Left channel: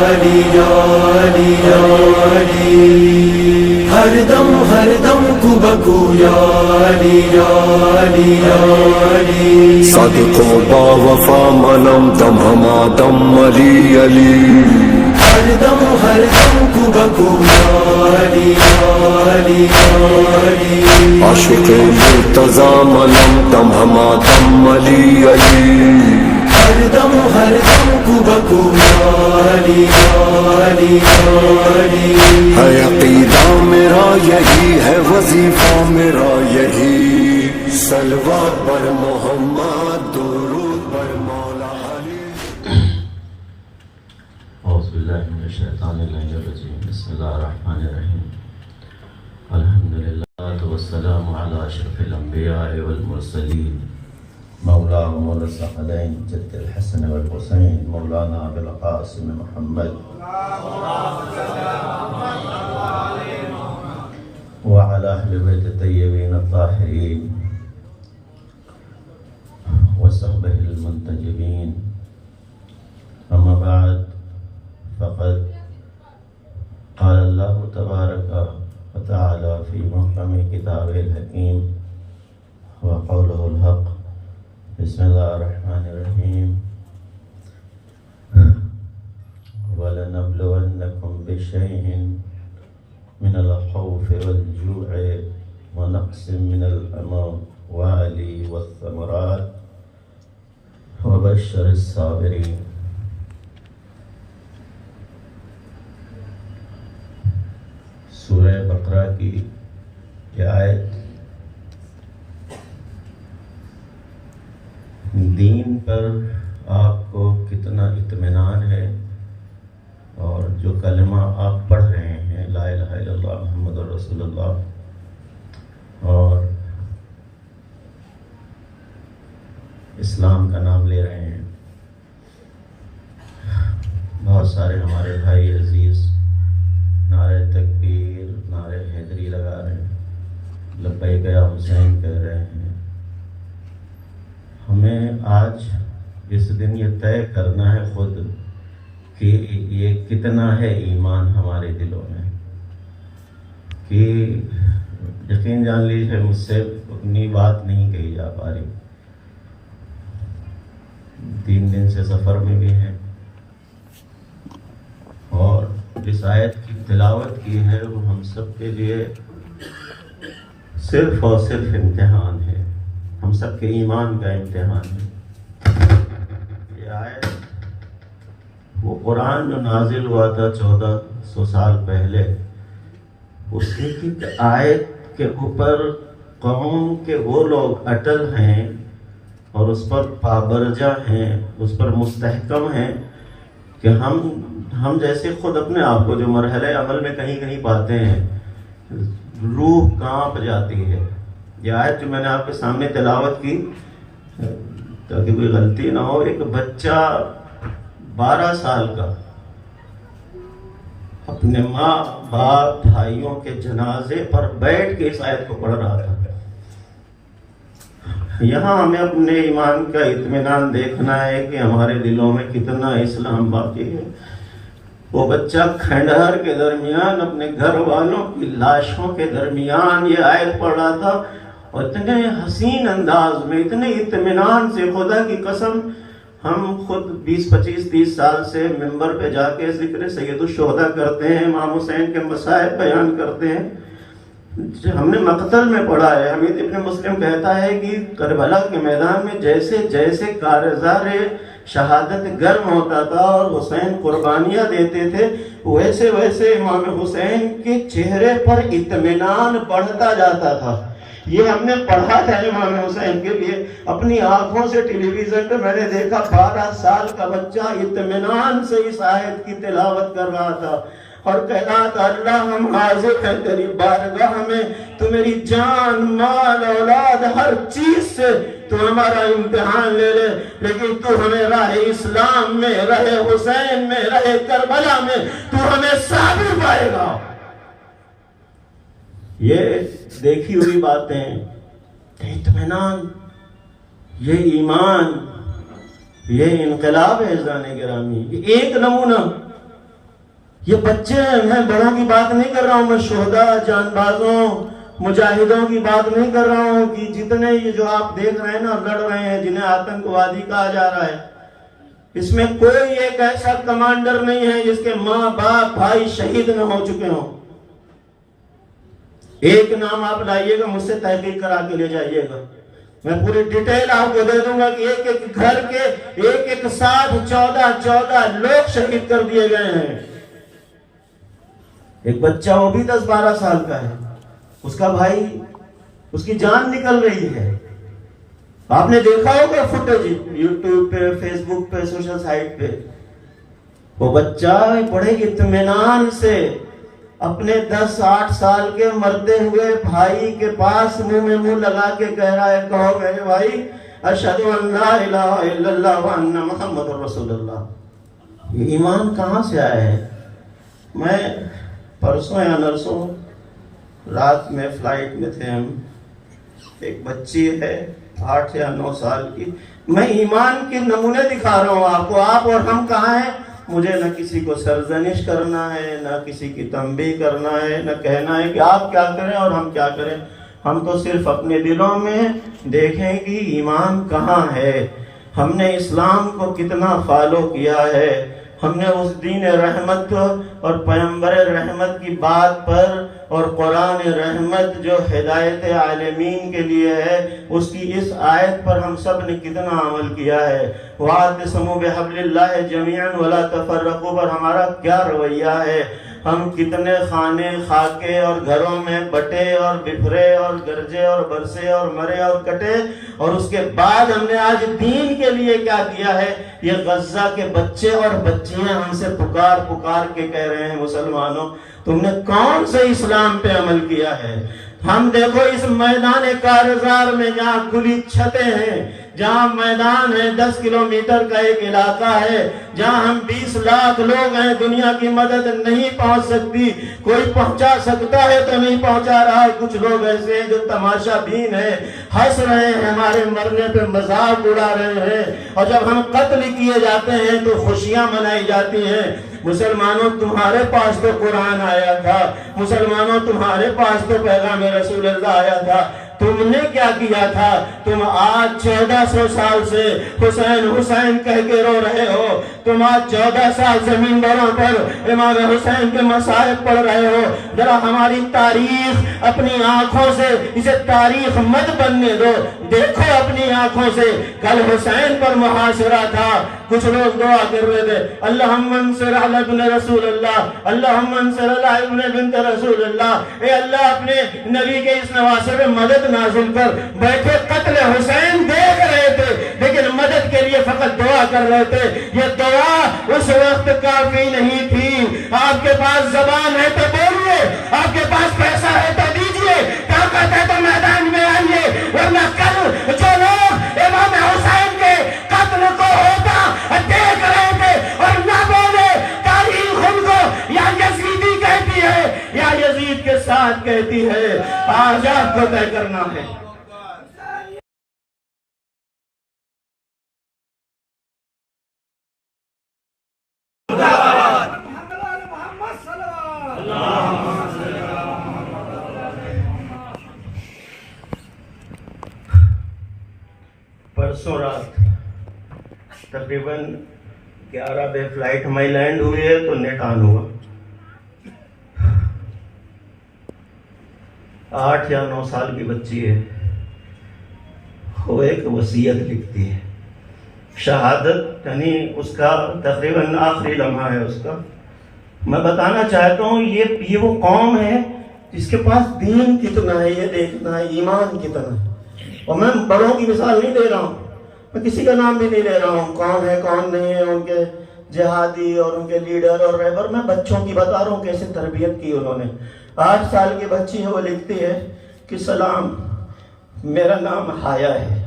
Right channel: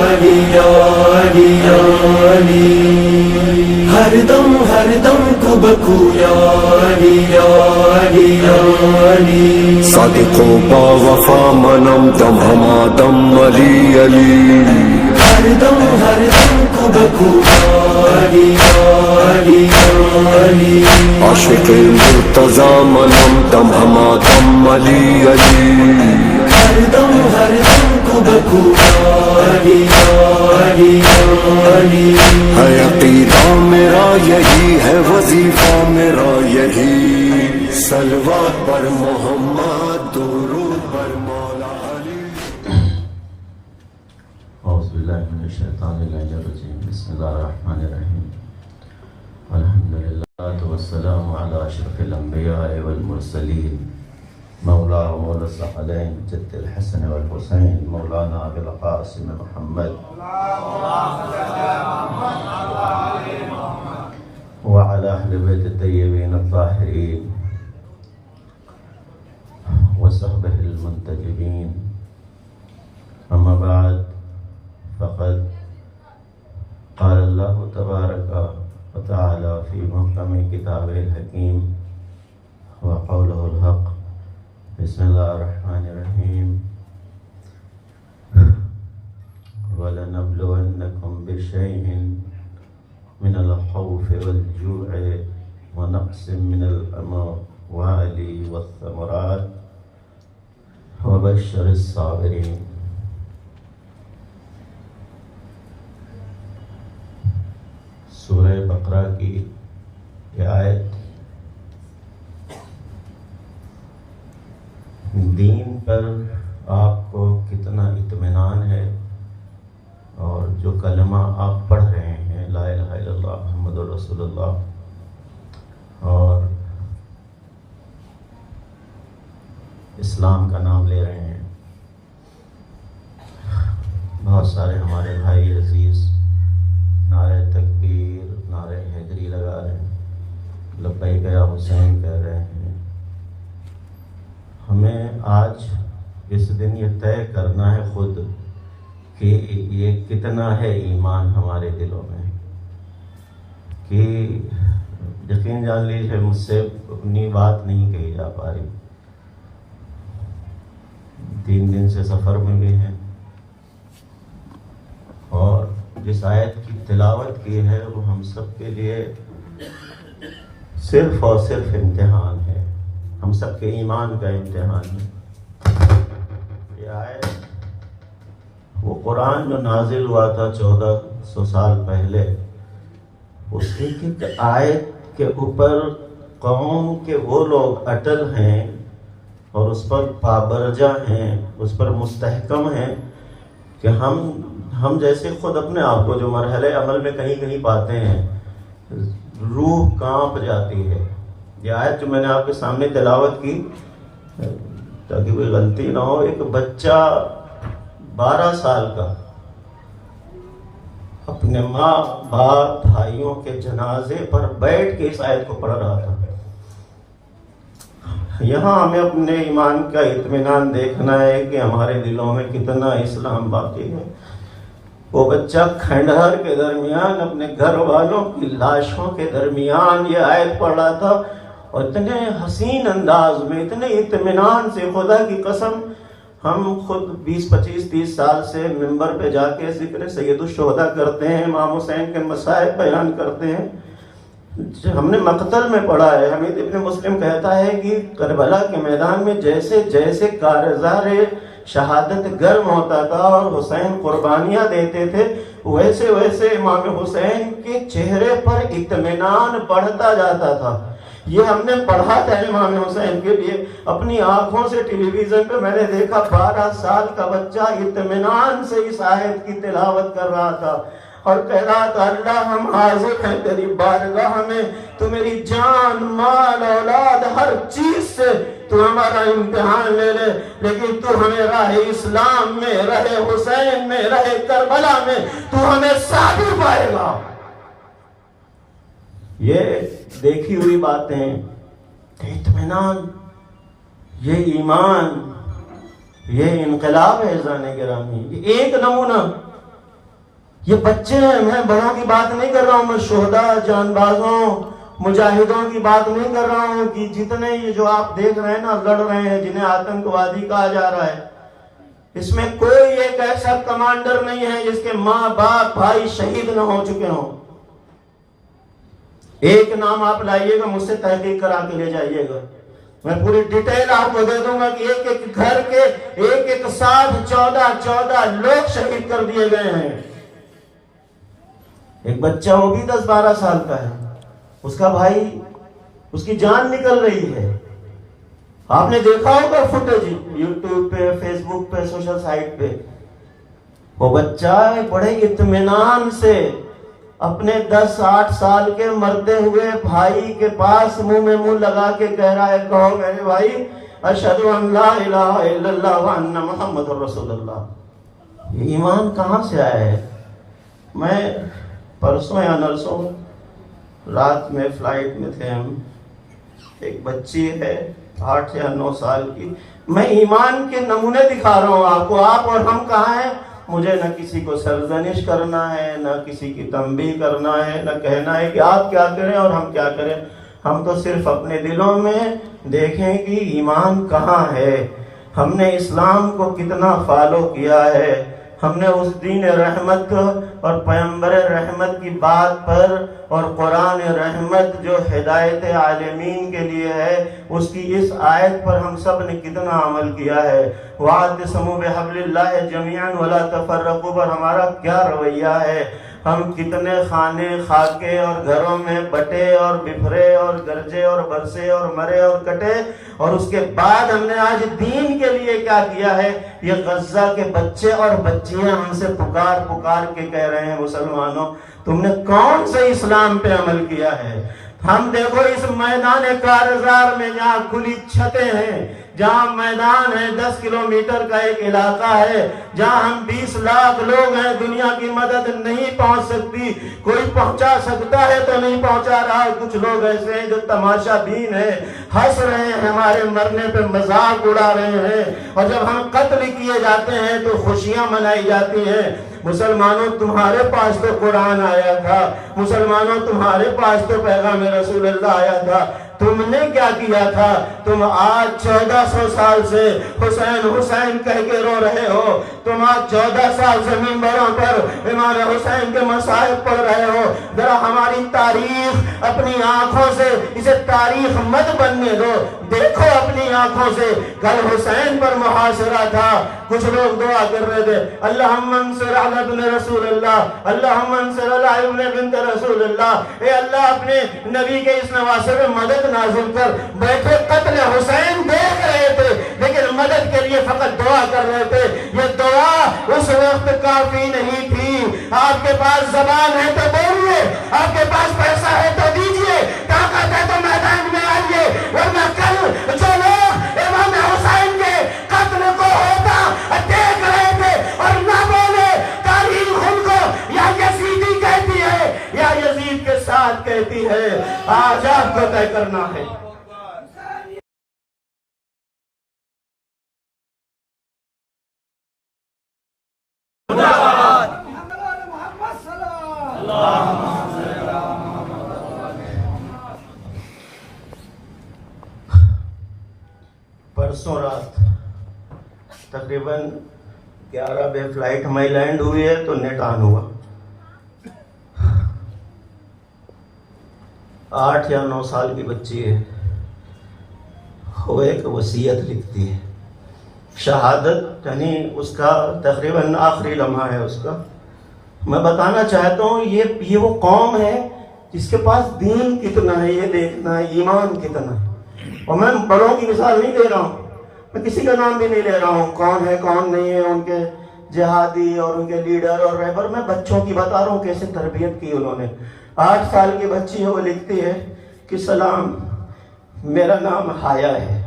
علی یا علی یا علی ہر دم کو بکو یا علی یا علی یا علی صادق و با وفا منم دم ہما دم علی علی ہر دم کو بکو یا علی یا علی یا علی عاشق مرتضی منم دم ہما دم علی علی ہر دم کو بکو یا علی یا علی یا علی ہے عقیدہ میرا یہی ہے وظیفہ میرا یہی صلوات بر محمد درود بر مولا علی اعوذ باللہ من الشیطان الرجیم بسم اللہ الرحمن الرحیم الحمدللہ والسلام علی اشرف الانبیاء والمرسلین مولا و مولا الثقلین جد الحسن والحسین مولانا ابو القاسم محمد وعلى اہل بیت الطیبین الطاہرین وصحبہ المنتجبین اما بعد فقد قال اللہ تبارک وتعالی فی محکم کتابہ الحکیم وقولہ الحق بسم اللہ الرحمن الرحیم وَلَنَبْلُوَنَّكُمْ بِشَيْءٍ مِنَ الْخَوْفِ وَالْجُوعِ وَنَقْصٍ مِنَ الْأَمْوَالِ وَالثَّمَرَاتِ وَبَشِّرِ الصَّابِرِينَ سورہ بقرہ کی یہ آیت دین پر آپ کو کتنا اطمینان ہے، اور جو کلمہ آپ پڑھ رہے ہیں لا الہ الا اللہ محمد رسول اللہ اور اسلام کا نام لے رہے ہیں، بہت سارے ہمارے بھائی عزیز نعرہ تکبیر نعرہ حیدری لگا رہے ہیں، لبیک یا حسین کہہ رہے ہیں۔ ہمیں آج اس دن یہ طے کرنا ہے خود کہ یہ کتنا ہے ایمان ہمارے دلوں میں، کہ یقین جان لیجیے مجھ سے اپنی بات نہیں کہی جا پا رہی، 3 دن سے سفر میں بھی ہیں، اور جس آیت کی تلاوت کی ہے وہ ہم سب کے لیے صرف اور صرف امتحان ہے، ہم سب کے ایمان کا امتحان ہے۔ یہ آیت وہ قرآن جو نازل ہوا تھا 1400 سال پہلے، اس ایک آیت کے اوپر قوم کے وہ لوگ اٹل ہیں اور اس پر پابرجا ہیں، اس پر مستحکم ہیں کہ ہم جیسے خود اپنے آپ کو جو مرحلے عمل میں کہیں کہیں پاتے ہیں، روح کانپ جاتی ہے۔ یہ آیت جو میں نے آپ کے سامنے تلاوت کی تاکہ کوئی غلطی نہ ہو، ایک بچہ 12 سال کا اپنے ماں باپ بھائیوں کے جنازے پر بیٹھ کے اس آیت کو پڑھ رہا تھا۔ یہاں ہمیں اپنے ایمان کا اطمینان دیکھنا ہے کہ ہمارے دلوں میں کتنا اسلام باقی ہے۔ وہ بچہ کھنڈہر کے درمیان اپنے گھر والوں کی لاشوں کے درمیان یہ آیت پڑھ رہا تھا، اور اتنے حسین انداز میں، اتنے اطمینان سے، خدا کی قسم ہم خود 20 25 30 سال سے ممبر پہ جا کے ذکر سید الشہداء کرتے ہیں، امام حسین کے مسائل بیان کرتے ہیں۔ ہم نے مقتل میں پڑھا ہے، حمید ابن مسلم کہتا ہے کہ کربلا کے میدان میں جیسے جیسے کارزار شہادت گرم ہوتا تھا اور حسین قربانیاں دیتے تھے، ویسے ویسے امام حسین کے چہرے پر اطمینان بڑھتا جاتا تھا۔ یہ ہم نے پڑھا تھا امام حسین کے لیے، اپنی آنکھوں سے ٹیلی ویژن پہ میں نے دیکھا 12 سال کا بچہ اطمینان سے اس آیت کی تلاوت کر رہا تھا اور کہہ رہا تھا اللہ ہم حاضر ہیں تیری بارگاہ میں، تو میری جان مال اولاد ہر چیز سے تو ہمارا امتحان لے لے، لیکن تو ہمیں راہ اسلام میں، راہ حسین میں، راہ کربلا میں تو ہمیں ثابت پائے گا۔ یہ دیکھی ہوئی باتیں، اطمینان، یہ ایمان، یہ انقلاب ہے عزیزان گرامی۔ یہ ایک نمونہ یہ بچے ہیں، میں بڑوں کی بات نہیں کر رہا ہوں، میں شہداء، جان بازوں، مجاہدوں کی بات نہیں کر رہا ہوں کہ جتنے یہ جو آپ دیکھ رہے ہیں نا لڑ رہے ہیں، جنہیں آتنکوادی کہا جا رہا ہے، اس میں کوئی ایک ایسا کمانڈر نہیں ہے جس کے ماں باپ بھائی شہید نہ ہو چکے ہوں۔ ایک نام آپ لائیے گا، مجھ سے تحقیق کرا کے لے جائیے گا، میں پوری ڈیٹیل آپ کو دے دوں گا کہ ایک ایک گھر کے ایک ساتھ 14 لوگ شہید کر دیے گئے ہیں۔ ایک بچہ وہ بھی 10-12 سال کا ہے، اس کا بھائی، اس کی جان نکل رہی ہے۔ آپ نے دیکھا ہوگا فوٹیج یوٹیوب پہ، فیس بک پہ، سوشل سائٹ پہ، وہ بچہ بڑے اطمینان سے اپنے 10-8 سال کے مرتے ہوئے بھائی کے پاس منہ میں منہ لگا کے کہہ رہا ہے، کہو میرے بھائی اشہد ان لا الہ الا اللہ وان محمد رسول اللہ۔ یہ ایمان کہاں سے آیا ہے؟ میں پرسوں یا نرسوں رات میں فلائٹ میں تھے ہم، ایک بچی ہے 8 یا 9 سال کی، میں ایمان کے نمونے دکھا رہا ہوں آپ کو، آپ اور ہم کہاں ہیں؟ مجھے نہ کسی کو سرزنش کرنا ہے، نہ کسی کی تنبیہ کرنا ہے، نہ کہنا ہے کہ آپ کیا کریں اور ہم کیا کریں، ہم تو صرف اپنے دلوں میں دیکھیں کہ ایمان کہاں ہے، ہم نے اسلام کو کتنا فالو کیا ہے، ہم نے اس دین رحمت اور پیغمبر رحمت کی بات پر اور قرآن رحمت جو ہدایت عالمین کے لیے ہے اس کی اس آیت پر ہم سب نے کتنا عمل کیا ہے۔ وَاعْتَصِمُوا بِحَبْلِ اللَّهِ جَمِيعًا وَلَا تَفَرَّقُوا پر ہمارا کیا رویہ ہے؟ ہم کتنے خانے خاکے اور گھروں میں بٹے اور بکھرے اور گرجے اور برسے اور مرے اور کٹے، اور اس کے بعد ہم نے آج دین کے لیے کیا کیا ہے؟ یہ غزہ کے بچے اور بچیاں ہم سے پکار کے کہہ رہے ہیں، مسلمانوں تم نے کون سے اسلام پہ عمل کیا ہے؟ ہم دیکھو اس میدان کارزار میں جہاں کھلی چھتیں ہیں، جہاں میدان ہے 10 کلومیٹر کا ایک علاقہ ہے، جہاں ہم 20 لاکھ لوگ ہیں، دنیا کی مدد نہیں پہنچ سکتی، کوئی پہنچا سکتا ہے تو نہیں پہنچا رہا، کچھ لوگ ایسے ہیں جو تماشا بین ہے، ہنس رہے ہیں، ہمارے مرنے پہ مذاق اڑا رہے ہیں، اور جب ہم قتل کیے جاتے ہیں تو خوشیاں منائی جاتی ہیں۔ مسلمانوں تمہارے پاس تو قرآن آیا تھا، مسلمانوں تمہارے پاس تو پیغام رسول اللہ آیا تھا، تم نے کیا کیا تھا؟ تم آج 1400 سال سے حسین حسین کہہ کے رو رہے ہو، تم آج 14 سال سے منبروں پر امام حسین کے مصائب پڑھ رہے ہو۔ ذرا ہماری تاریخ اپنی آنکھوں سے، اسے تاریخ مت بننے دو، دیکھو اپنی آنکھوں سے، کل حسین پر محاصرہ تھا، کچھ لوگ دعا کر رہے تھے اللہم انصر علی ابن رسول اللہ، اللہم انصر علی ابن بنت رسول اللہ، اے اللہ اپنے نبی کے اس نواسے پہ مدد نازل کر۔ بیٹھے قتل حسین دیکھ رہے تھے لیکن مدد کے لیے فقط دعا کر رہے تھے۔ یہ دعا اس وقت کافی نہیں تھی۔ آپ کے پاس زبان ہے تو بولیے، آپ کے پاس پیسہ ہے تو دیجئے، طاقت ہے تو میدان میں آئیے، ورنہ کل جو لوگ امام حسین کے قتل کو ہوتا دیکھ رہے تھے اور نہ بولے، تاریخ ان کو یا یزیدی کہتی ہے یا یزید کے ساتھ کہتی ہے۔ آج آپ کو طے کرنا ہے۔ پرسوں رات تقریباً 11 بجے فلائٹ ہماری لینڈ ہوئی ہے تو نیٹ آن ہوا، 8 یا 9 سال کی بچی ہے، وہ ایک وصیت لکھتی ہے، شہادت یعنی اس کا تقریباً آخری لمحہ ہے اس کا۔ میں بتانا چاہتا ہوں یہ وہ قوم ہے جس کے پاس دین کتنا ہے، یہ دیکھنا ہے ایمان کتنا ہے۔ اور میں بڑوں کی مثال نہیں دے رہا ہوں، میں کسی کا نام بھی نہیں لے رہا ہوں، کون ہے کون نہیں ہے، ان کے جہادی اور ان کے لیڈر اور رہبر، میں بچوں کی بتا رہا ہوں کیسے تربیت کی انہوں نے۔ 8 سال کی بچی ہے، وہ لکھتی ہے کہ سلام، میرا نام حیا ہے۔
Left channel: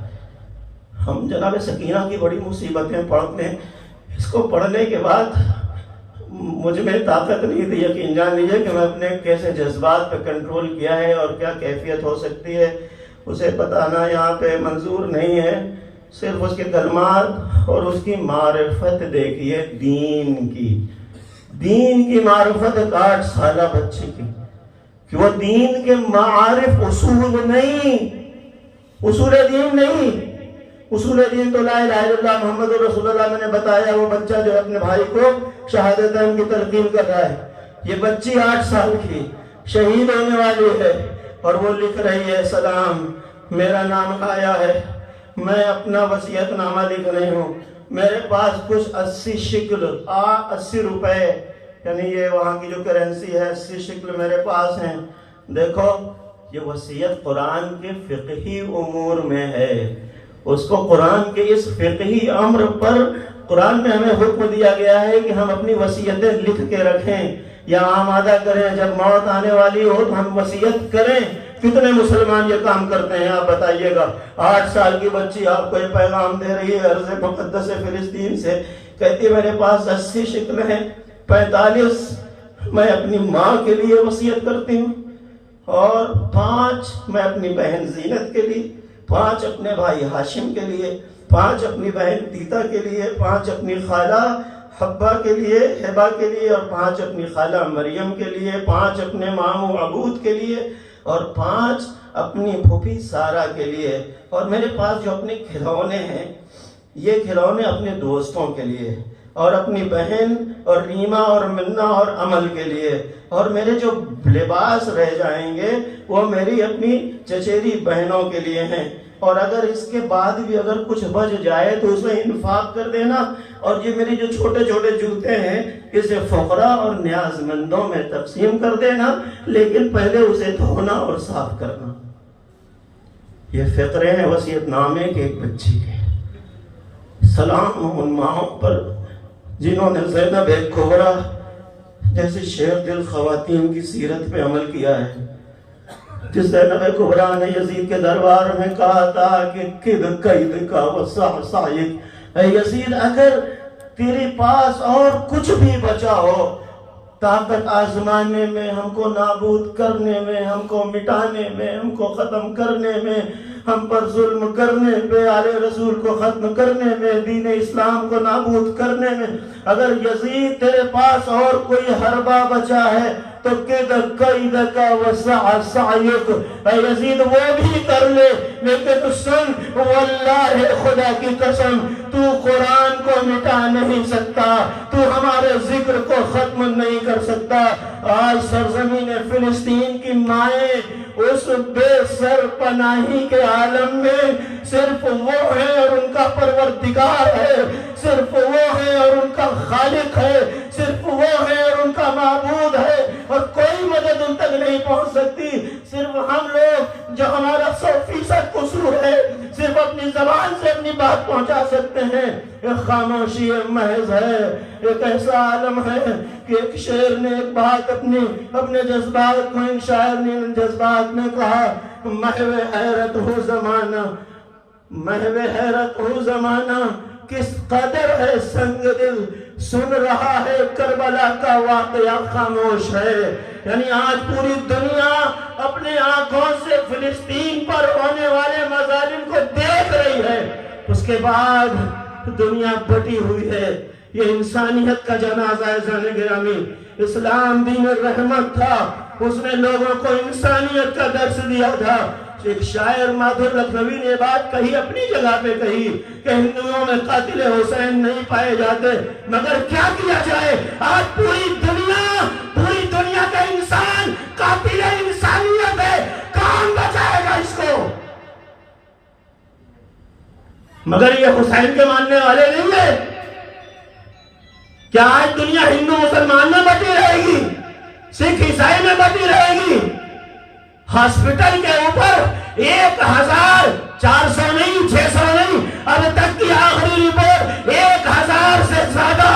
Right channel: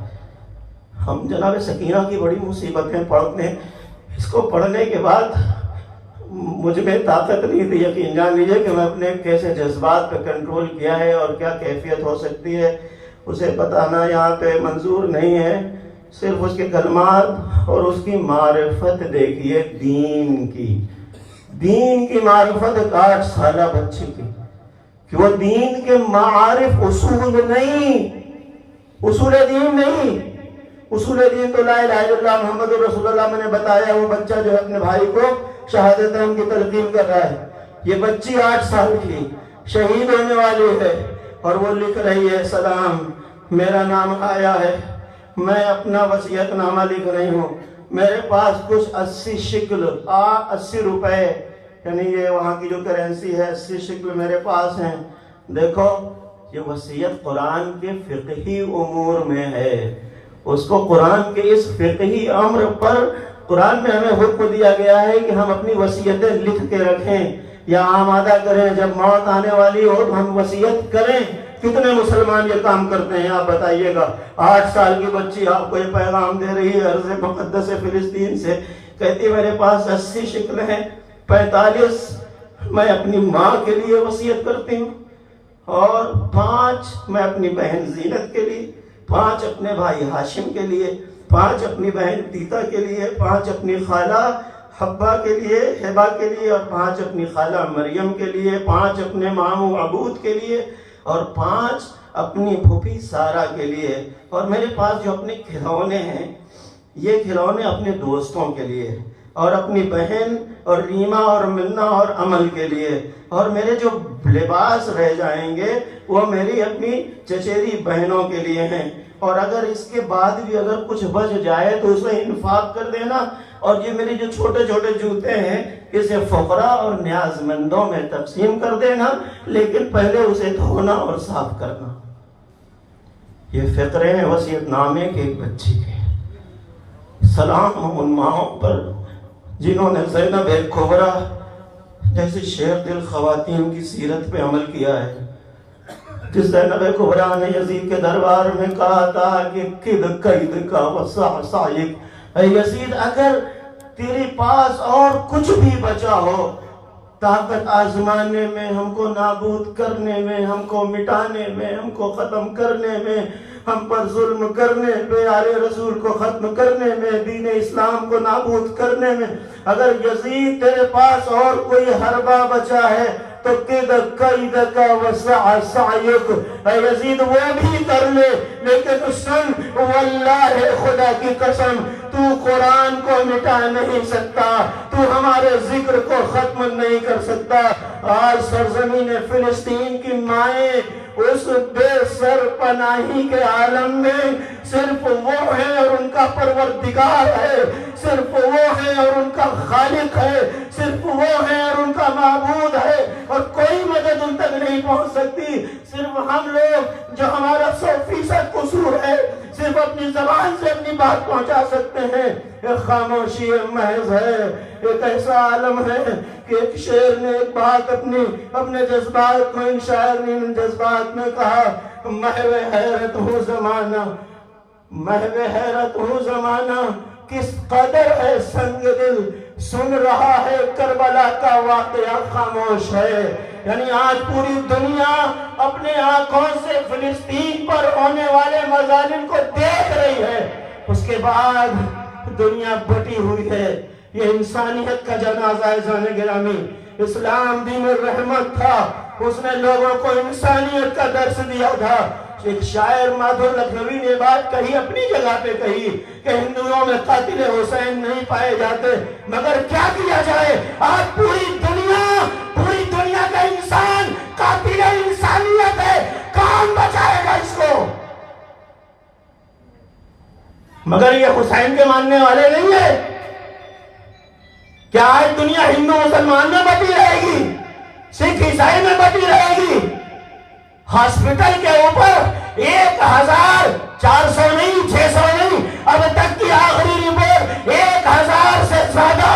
ہم جناب سکینہ کی بڑی مصیبتیں پڑھنے، اس کو پڑھنے کے بعد مجھ میں طاقت نہیں تھی، یقین جان لیجیے کہ میں اپنے کیسے جذبات پہ کنٹرول کیا ہے اور کیا کیفیت ہو سکتی ہے اسے بتانا یہاں پہ منظور نہیں ہے۔ صرف اس کے کلمات اور اس کی معرفت دیکھیے دین کی، دین کی معرفت 8 سالہ بچے کی، کہ وہ دین کے معارف اصول نہیں، اصول دین نہیں. اصول دین تو لا الہ الا اللہ محمد رسول اللہ میں نے بتایا. وہ بچہ جو اپنے بھائی کو شہادتین کی تلقین کر رہا ہے، یہ بچی 8 سال کی شہید ہونے والی ہے، اور وہ لکھ رہی ہے سلام میرا نام آیا ہے، میں اپنا وصیت نامہ لکھ رہی ہوں، میرے پاس کچھ 80 شکل 80 روپے یعنی یہ وہاں کی جو کرنسی ہے 80 شکل میرے پاس ہیں. دیکھو یہ وصیت قرآن کے فقہی امور میں ہے. اس کو قرآن کے اس فقہی امر پر قرآن میں ہمیں حکم دیا گیا ہے کہ ہم اپنی وصیتیں لکھ کے رکھیں یا آمادہ کریں. جب موت آنے والی ہو تو ہم وصیت کریں. کتنے مسلمان یہ کام کرتے ہیں آپ بتائیے گا؟ 8 سال کی بچی آپ کو یہ پیغام دے رہی ہے ارض مقدس فلسطین سے، کہتی میرے پاس 80 شکل ہیں، 45 میں اپنی ماں کے لیے وصیت کرتی ہوں، اور 5 میں اپنی بہن زینت کے لیے، 5 اپنے بھائی ہاشم کے لیے، 5 اپنی بہن تیتا کے لیے، 5 اپنی خالہ حبہ کے لیے، ہبہ کے لیے، اور 5 اپنی خالہ مریم کے لیے، 5 اپنے ماموں عبود کے لیے، اور 5 اپنی پھوپھی سارہ کے لیے. اور میرے پاس جو اپنے کھلونے ہیں یہ کھلونے اپنے دوستوں کے لیے، اور اپنی بہن اور ریما اور منا اور عمل کے لیے، اور میرے جو لباس رہ جائیں گے وہ میری اپنی چچیری بہنوں کے لیے ہیں. اور اگر اس کے بعد بھی اگر کچھ بچ جائے تو اسے انفاق کر دینا. اور یہ میری جو چھوٹے چھوٹے جوتے ہیں اسے فقراء اور نیاز مندوں میں تقسیم کر دینا، لیکن پہلے اسے دھونا اور صاف کرنا. یہ فقرے ہیں وصیت نامے کے ایک بچی کے. سلام ان ماؤں پر جنہوں نے زینب کبریٰ جیسے شیخ الخواتین کی سیرت پہ عمل کیا ہے. جس زینب کبریٰ نے یزید کے دربار میں کہا تھا کہ کد قید کا وسع سائق، اے یزید اگر تیرے پاس اور کچھ بھی بچا ہو طاقت آزمانے میں، ہم کو نابود کرنے میں، ہم کو مٹانے میں، ہم کو ختم کرنے میں، ہم پر ظلم کرنے پہ، آل رسول کو ختم کرنے میں، دین اسلام کو نابود کرنے میں، اگر یزید تیرے پاس اور کوئی حربہ بچا ہے تو قید کا وسع سعیک، اے یزید وہ بھی کر لے، لیکن سن واللہ خدا کی قسم تو قرآن کو مٹا نہیں سکتا، تو ہمارے ذکر کو ختم نہیں کر سکتا. آج سرزمین فلسطین کی مائیں اس بے سر پناہی کے عالم میں صرف وہ ہے اور ان کا پروردگار ہے، صرف وہ ہے اور ان کا خالق ہے، صرف وہ ہے اور ان کا معبود ہے، اور کوئی مدد ان تک نہیں پہنچ سکتی. صرف ہم لوگ جو ہمارا 100% قصور ہے صرف اپنی زبان سے اپنی بات پہنچا سکتے ہیں. ایک خاموشی محض ہے، ایک ایسا عالم ہے کہ ایک شعر نے ایک بات اپنے جذبات کو، ان شاعر نے ان جذبات میں کہا، محو حیرت ہو زمانہ، محو حیرت ہو زمانہ، کس قدر ہے سنگ دل، سن رہا ہے کربلا کا واقعہ خاموش ہے. یعنی آج پوری دنیا اپنے آنکھوں سے فلسطین پر ہونے والے مظالم کو دیکھ رہی ہے. اس کے بعد دنیا بٹی ہوئی ہے. یہ انسانیت کا جنازہ ہے. زن گرامی، اسلام دین الرحمت تھا، اس نے لوگوں کو انسانیت کا درس دیا تھا. ایک شاعر مادھور لکھنوی نے بات کہی، اپنی جگہ پہ کہی کہ ہندوؤں میں قاتل حسین نہیں پائے جاتے، مگر کیا کیا جائے، آج پوری دنیا کا انسان قاتل انسانیت ہے. کون بچائے گا اس کو؟ مگر یہ حسین کے ماننے والے نہیں ہے. کیا آج دنیا ہندو مسلمان میں بٹی رہے گی، سکھ عیسائی میں بٹی رہے گی؟ ہاسپٹل کے اوپر 1400 نہیں، 600 نہیں، اب تک کی آخری رپورٹ 1000 سے زیادہ.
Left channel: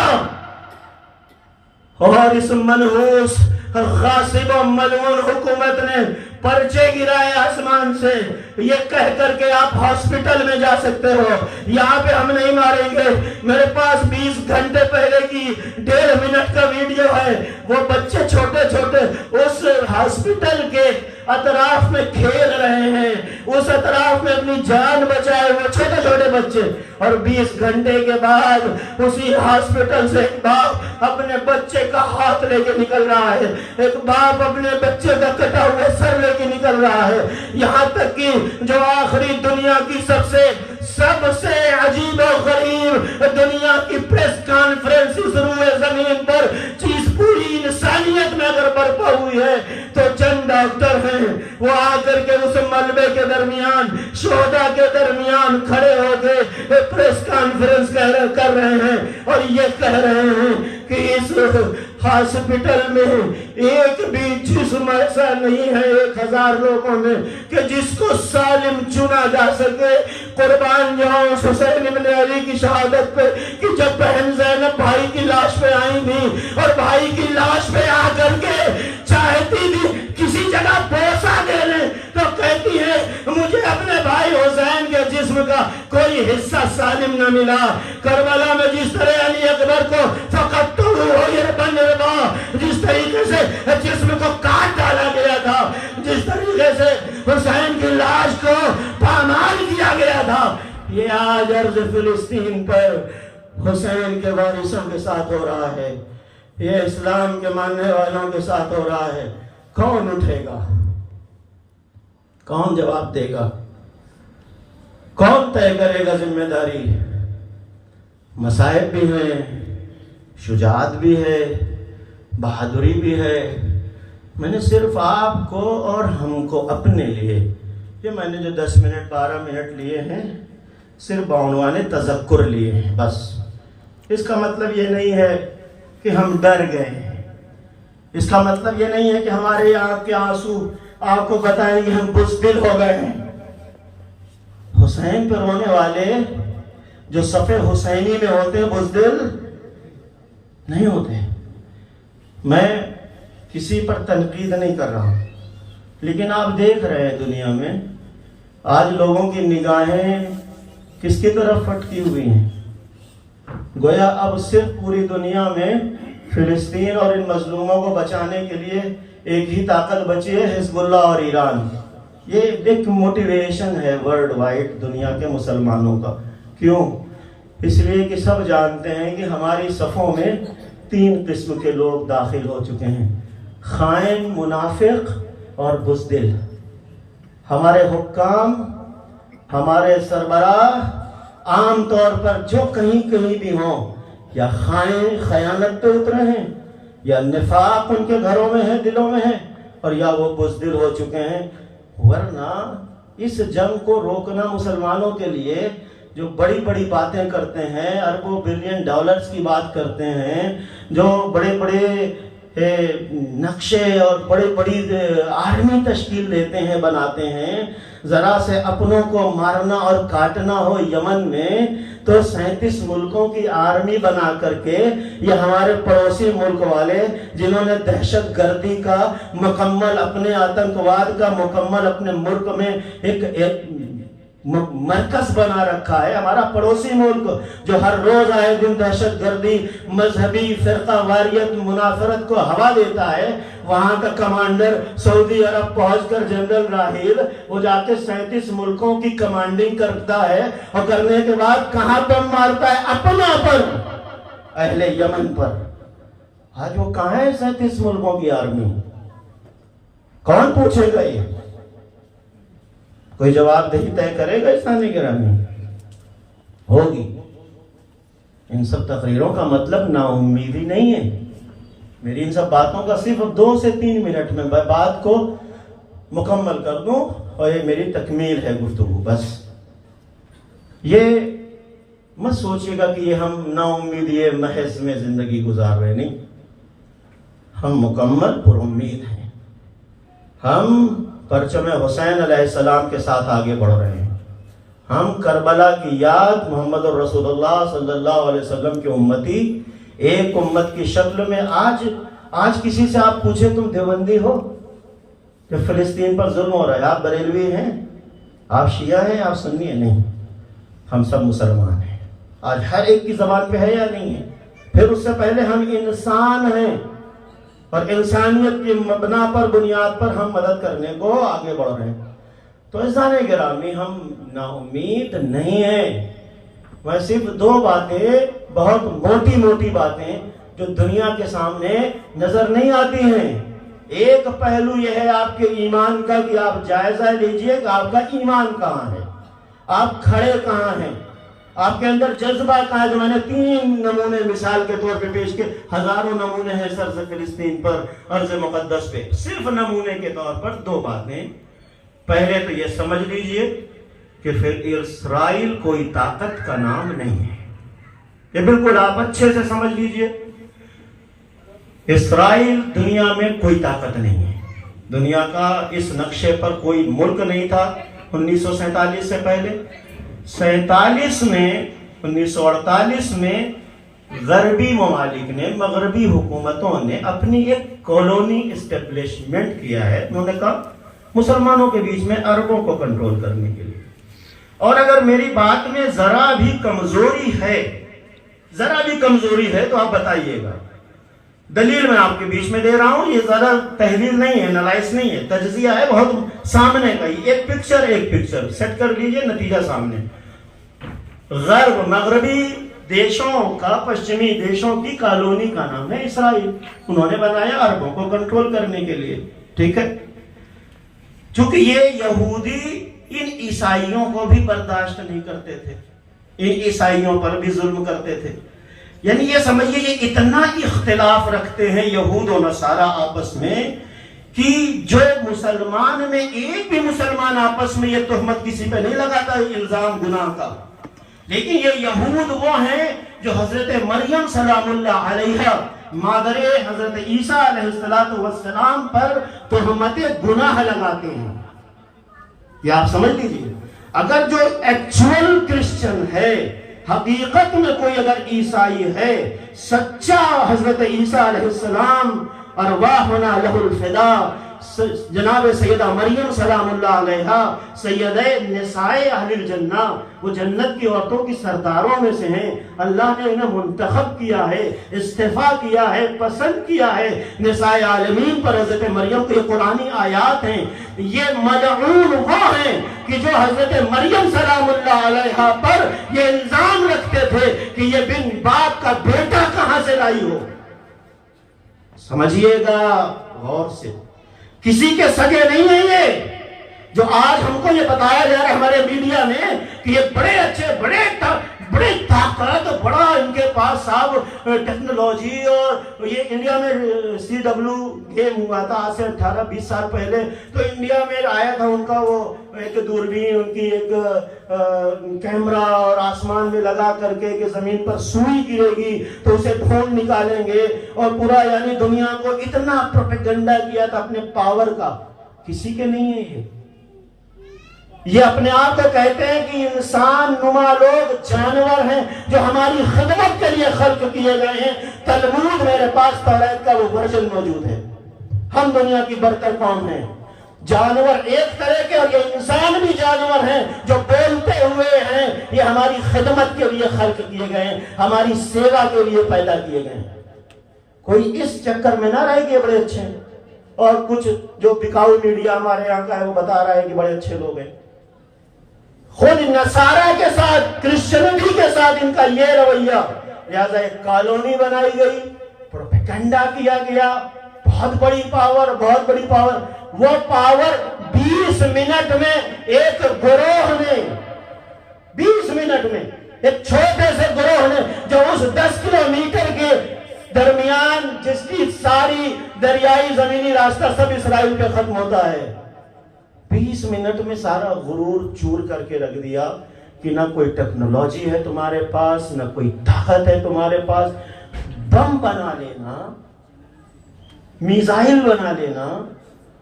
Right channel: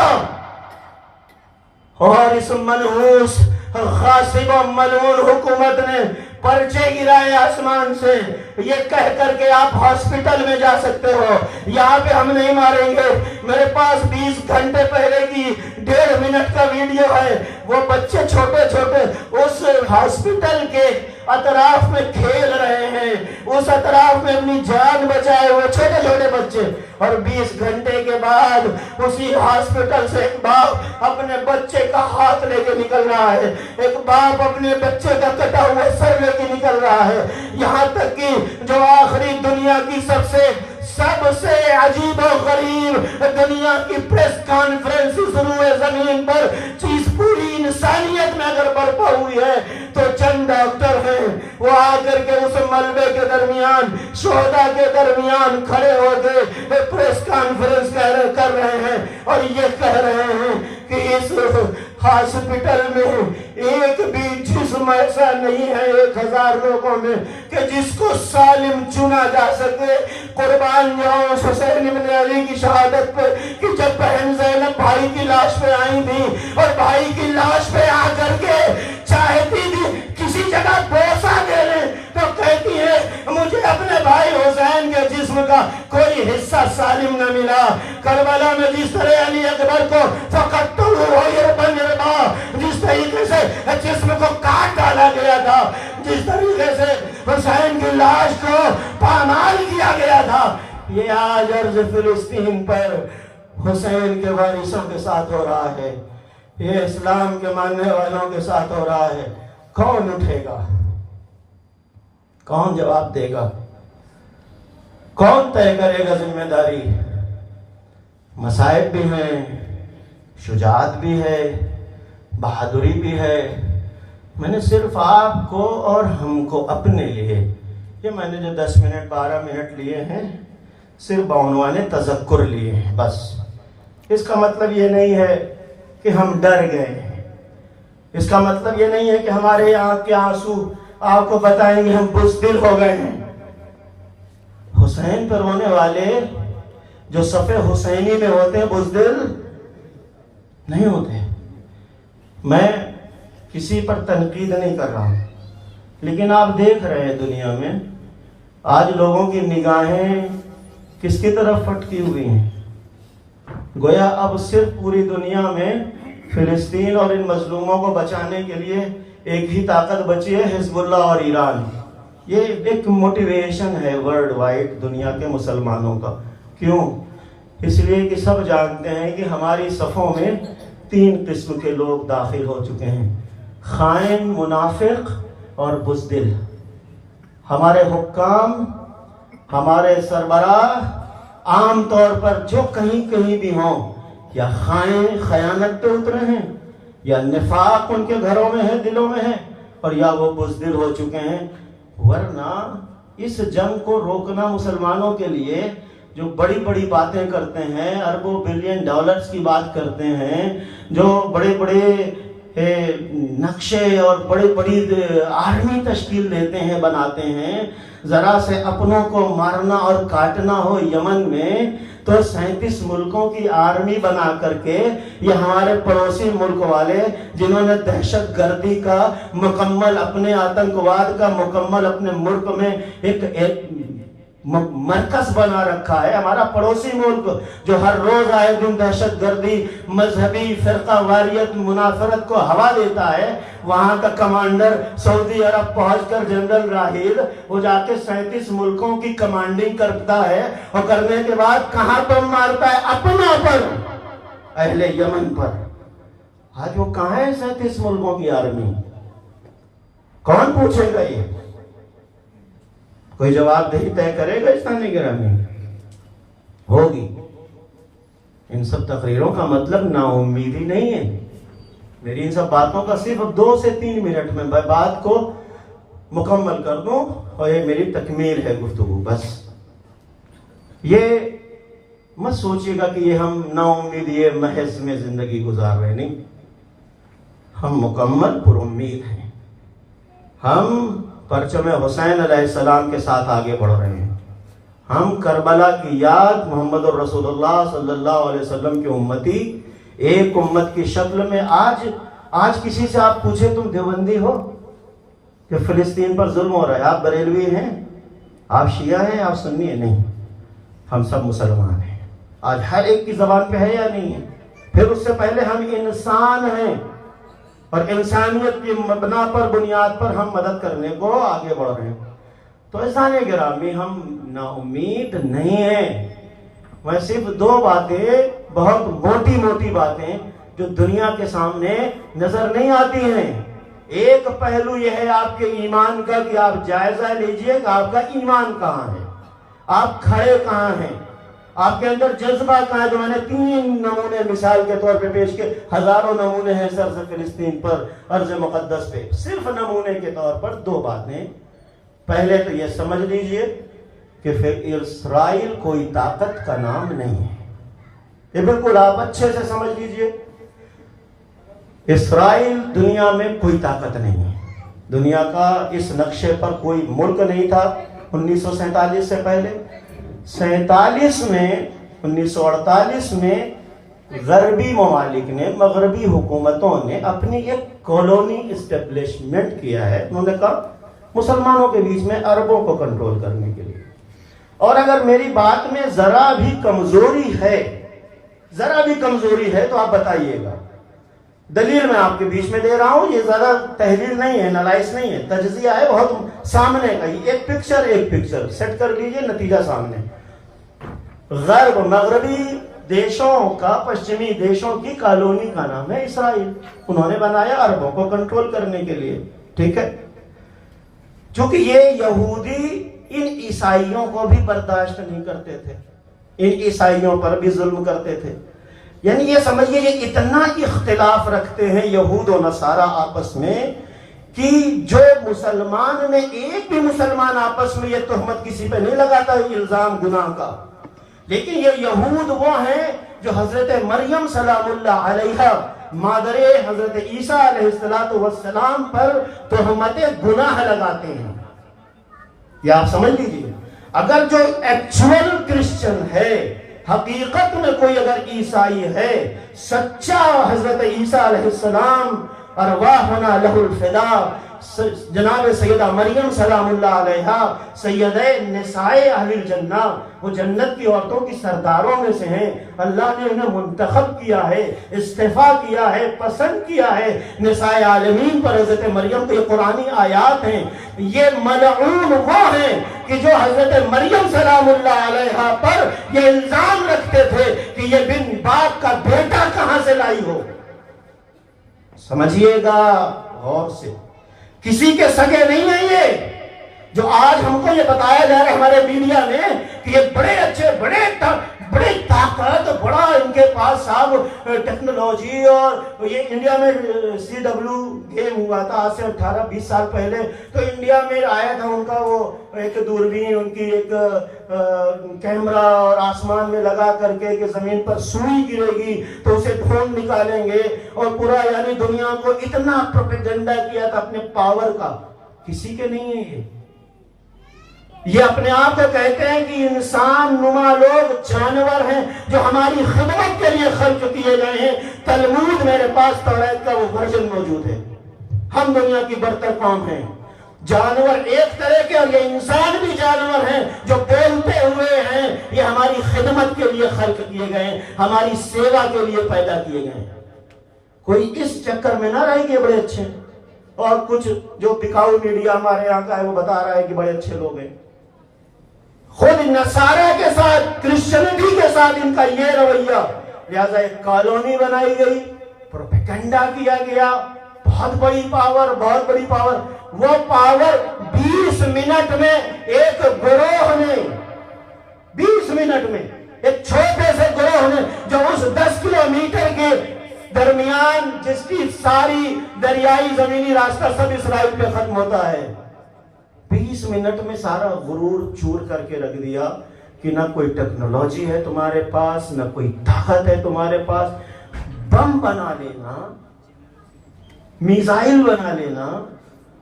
اور اس منحوس غاصب و ملعون حکومت نے پرچے گرائے آسمان سے، یہ کہہ کر کے آپ ہاسپٹل میں جا سکتے ہو، یہاں پہ ہم نہیں ماریں گے. میرے پاس 20 گھنٹے پہلے کی 1.5 منٹ کا ویڈیو ہے. وہ بچے چھوٹے چھوٹے اس ہاسپٹل کے اطراف میں کھیل رہے ہیں، اس اطراف میں اپنی جان بچائے ہوئے چھوٹے چھوٹے بچے، اور 20 گھنٹے کے بعد اسی ہاسپٹل سے ایک باپ اپنے بچے کا ہاتھ لے کے نکل رہا ہے، ایک باپ اپنے بچے کا کٹا ہوا سر لے کے نکل رہا ہے، یہاں تک کہ جو آخری دنیا کی سب سے عجیب و غریب دنیا کی پریس کانفرنس اس روئے زمین پر چیز پوری انسانیت میں اگر برپا ہوئی ہے تو چند ڈاکٹر ہیں، وہ آ کر کے اس ملبے کے درمیان، شہداء کے درمیان کھڑے ہو کے پریس کانفرنس کر رہے ہیں اور یہ کہہ رہے ہیں کہ اس ہاسپٹل میں ایک بھی جسم ایسا نہیں ہے 1000 لوگوں میں کہ جس کو سالم چنا جا سکے۔ قربان جاؤں حسین ابن علی کی شہادت پہ کہ جب بہن زینب بھائی کی لاش پہ آئی تھی اور بھائی کی لاش پہ آ کر کے چاہتی تھی کسی جگہ بوسہ دے رہے تو کہتی ہے مجھے اپنے بھائی حسین کے جسم کا کوئی حصہ سالم نہ ملا۔ کربلا میں جس طرح علی اکبر کو جس طریقے سے جسم کو کاٹ ڈالا گیا تھا، جس طریقے سے حسین کی لاش کو پامال کیا گیا تھا، یہ آج ارض فلسطین پر حسین کے وارثوں کے ساتھ ہو رہا ہے، یہ اسلام کے ماننے والوں کے ساتھ ہو رہا ہے۔ کون اٹھے گا؟ کون جواب دے گا؟ کون طے کرے گا ذمہ داری؟ مصائب بھی ہیں، شجاعت بھی ہے، بہادری بھی ہے۔ میں نے صرف آپ کو اور ہم کو اپنے لیے یہ میں نے جو 10 منٹ 12 منٹ لیے ہیں صرف بعنوان تذکر لیے ہیں بس۔ اس کا مطلب یہ نہیں ہے کہ ہم ڈر گئے ہیں، اس کا مطلب یہ نہیں ہے کہ ہمارے آنکھ کے آنسو آپ کو بتائیں گے ہم بزدل ہو گئے ہیں۔ حسین پر رونے والے جو صف حسینی میں ہوتے ہیں بزدل نہیں ہوتے۔ میں کسی پر تنقید نہیں کر رہا ہوں، لیکن آپ دیکھ رہے ہیں دنیا میں آج لوگوں کی نگاہیں کس کی طرف پھٹکی ہوئی ہیں۔ گویا اب صرف پوری دنیا میں فلسطین اور ان مظلوموں کو بچانے کے لیے ایک ہی طاقت بچی ہے، حزب اللہ اور ایران۔ یہ ایک موٹیویشن ہے ورلڈ وائڈ دنیا کے مسلمانوں کا۔ کیوں؟ اس لیے کہ سب جانتے ہیں کہ ہماری صفوں میں 3 قسم کے لوگ داخل ہو چکے ہیں، خائن، منافق اور بزدل۔ ہمارے حکام، ہمارے سربراہ عام طور پر جو کہیں بھی ہوں یا خائن خیانت پہ اترے ہیں، یا نفاق ان کے گھروں میں ہے، دلوں میں ہے، اور یا وہ بزدل ہو چکے ہیں۔ ورنہ اس جنگ کو روکنا مسلمانوں کے لیے جو بڑی بڑی باتیں کرتے ہیں، اربوں بلین ڈالرز کی بات کرتے ہیں، جو بڑے بڑے نقشے اور بڑی آرمی تشکیل دیتے ہیں، بناتے ہیں، ذرا سے اپنوں کو مارنا اور کاٹنا ہو یمن میں تو 37 ملکوں کی آرمی بنا کر کے، یہ ہمارے پڑوسی ملک والے جنہوں نے دہشت گردی کا مکمل، اپنے آتنکواد کا مکمل اپنے ملک میں ایک مرکز بنا رکھا ہے، ہمارا پڑوسی ملک جو ہر روز آئے دن دہشت گردی، مذہبی فرقہ واریت، منافرت کو ہوا دیتا ہے، وہاں کا کمانڈر سعودی عرب پہنچ کر جنرل راحیل وہ جا کے 37 ملکوں کی کمانڈنگ کرتا ہے، اور کرنے کے بعد کہاں پر مارتا ہے؟ اپنا پر، اہل یمن پر۔ آج وہ کہاں ہے 37 ملکوں کی آرمی؟ کون پوچھے گا؟ یہ کوئی جواب دہی طے کرے گا؟ اسلامی گرامی ہوگی۔ ان سب تقریروں کا مطلب نا امیدی نہیں ہے۔ میری ان سب باتوں کا صرف 2 سے 3 منٹ میں بات کو مکمل کر دوں اور یہ میری تکمیل ہے گفتگو بس۔ یہ مت سوچیے گا کہ یہ ہم نا امیدی محض میں زندگی گزار رہے، نہیں، ہم مکمل پر امید ہیں۔ ہم پرچم حسین علیہ السلام کے ساتھ آگے بڑھ رہے ہیں۔ ہم کربلا کی یاد، محمد الرسول اللہ صلی اللہ علیہ وسلم کے امتی، ایک امت کی شکل میں آج کسی سے آپ پوچھے تم دیوبندی ہو کہ فلسطین پر ظلم ہو رہا ہے، آپ بریلوی ہیں، آپ شیعہ ہیں، آپ سنی ہیں؟ نہیں، ہم سب مسلمان ہیں۔ آج ہر ایک کی زبان پہ ہے یا نہیں ہے؟ پھر اس سے پہلے ہم انسان ہیں، اور انسانیت کی مبنا پر بنیاد پر ہم مدد کرنے کو آگے بڑھ رہے ہیں. تو عزیزان گرامی ہم نا امید نہیں ہیں. میں صرف 2 باتیں، بہت موٹی موٹی باتیں جو دنیا کے سامنے نظر نہیں آتی ہیں. ایک پہلو یہ ہے آپ کے ایمان کا کہ آپ جائزہ لیجئے کہ آپ کا ایمان کہاں ہے، آپ کھڑے کہاں ہیں، آپ کے اندر جذبہ کہاں ہے. جو میں نے 3 نمونے مثال کے طور پہ پیش کے، ہزاروں نمونے ہیں سرز فلسطین پر، ارض مقدس پہ. صرف نمونے کے طور پر 2 باتیں. پہلے تو یہ سمجھ لیجئے کہ پھر اسرائیل کوئی طاقت کا نام نہیں ہے. یہ بالکل آپ اچھے سے سمجھ لیجئے. اسرائیل دنیا میں کوئی طاقت نہیں ہے. دنیا کا اس نقشے پر کوئی ملک نہیں تھا 1947 سے پہلے. 47 میں 1948 میں غربی ممالک نے، مغربی حکومتوں نے اپنی ایک کالونی اسٹیبلشمنٹ کیا ہے. انہوں نے کہا مسلمانوں کے بیچ میں عربوں کو کنٹرول کرنے کے لیے. اور اگر میری بات میں ذرا بھی کمزوری ہے تو آپ بتائیے گا. دلیل میں آپ کے بیچ میں دے رہا ہوں. یہ زیادہ تحلیل نہیں ہے، انالائز نہیں ہے، تجزیہ ہے بہت سامنے کا. ایک پکچر سیٹ کر لیجئے، نتیجہ سامنے. مغربی دیشوں کا، پشچمی دیشوں کی کالونی کا نام ہے اسرائیل. انہوں نے بنایا عربوں کو کنٹرول کرنے کے لیے. ٹھیک ہے. چونکہ یہ یہودی ان عیسائیوں کو بھی برداشت نہیں کرتے تھے، ان عیسائیوں پر بھی ظلم کرتے تھے. یعنی یہ سمجھئے یہ اتنا اختلاف رکھتے ہیں یہود و نصارہ آپس میں کہ جو مسلمان میں ایک بھی مسلمان آپس میں یہ تہمت کسی پہ نہیں لگاتا الزام گناہ کا. لیکن یہ یہود وہ ہیں جو حضرت مریم سلام اللہ علیہا مادر حضرت عیسیٰ علیہ السلام پر تہمت گناہ لگاتے ہیں. یہ آپ سمجھ لیجیے. اگر جو ایکچوئل کرسچن ہے، حقیقت میں کوئی اگر عیسائی ہے، سچا حضرت عیسیٰ علیہ السلام ارواحنا لہ الفدا، جناب سیدہ مریم سلام اللہ علیہا سیدہ نساء اہل الجنہ، وہ جنت کی عورتوں کی سرداروں میں سے ہیں. اللہ نے انہیں منتخب کیا ہے، استفا کیا ہے، پسند کیا ہے نساء عالمین پر حضرت مریم. کے قرآنی آیات ہیں. یہ ملعون وہ ہیں کہ جو حضرت مریم سلام اللہ علیہا پر یہ الزام رکھتے تھے کہ یہ بن باپ کا بیٹا کہاں سے لائی ہو. سمجھیے گا غور سے. کسی کے سگے نہیں ہیں یہ. جو آج ہم کو یہ بتایا جا رہا ہے ہمارے میڈیا میں کہ یہ بڑے اچھے، بڑے طاقت، بڑا ان کے پاس صاحب ٹیکنالوجی. اور یہ انڈیا میں CW گیم ہوا تھا آج سے 18-20 سال پہلے. تو انڈیا میں آیا تھا ان کا وہ ایک دوربین، ان کی ایک کیمرہ، اور آسمان میں لگا کر کے کہ زمین پر سوئی گرے گی تو اسے ڈھونڈ نکالیں گے. اور پورا یعنی دنیا کو اتنا پروپیگنڈا کیا تھا اپنے پاور کا. کسی کے نہیں ہے یہ اپنے آپ کو کہتے ہیں کہ انسان نما لوگ جانور ہیں جو ہماری خدمت کے لیے خلق کیے گئے ہیں. تلمود میرے پاس توریت کا وہ ورژن موجود ہے. ہم دنیا کی برتر قوم ہیں. جانور ایک طرح کے، اور یہ انسان بھی جانور ہیں جو بولتے ہوئے ہیں. یہ ہماری خدمت کے لیے خلق کیے گئے ہیں، ہماری سیوا کے لیے پیدا کیے گئے ہیں. کوئی اس چکر میں نہ رہے کہ بڑے اچھے ہیں. اور کچھ جو بکاؤ میڈیا ہمارے یہاں کا ہے وہ بتا رہا ہے کہ بڑے اچھے لوگ ہیں. خود نصارہ کے ساتھ، کرسچنٹی کے ساتھ ان کا یہ رویہ. لہذا ایک کالونی بنائی گئی، پروپیگنڈا کیا گیا. بہت بڑی پاور، بہت بڑی پاور. وہ پاور 20 منٹ میں ایک گروہ نے، 20 منٹ میں ایک چھوٹے سے گروہ نے جو اس 10 کلومیٹر کے درمیان جس کی ساری دریائی زمینی راستہ سب اسرائیل پہ ختم ہوتا ہے، 20 منٹ میں سارا غرور چور کر کے رکھ دیا کہ نہ کوئی ٹیکنالوجی ہے تمہارے پاس، نہ کوئی طاقت ہے تمہارے پاس. بم بنا لینا، میزائل بنا لینا،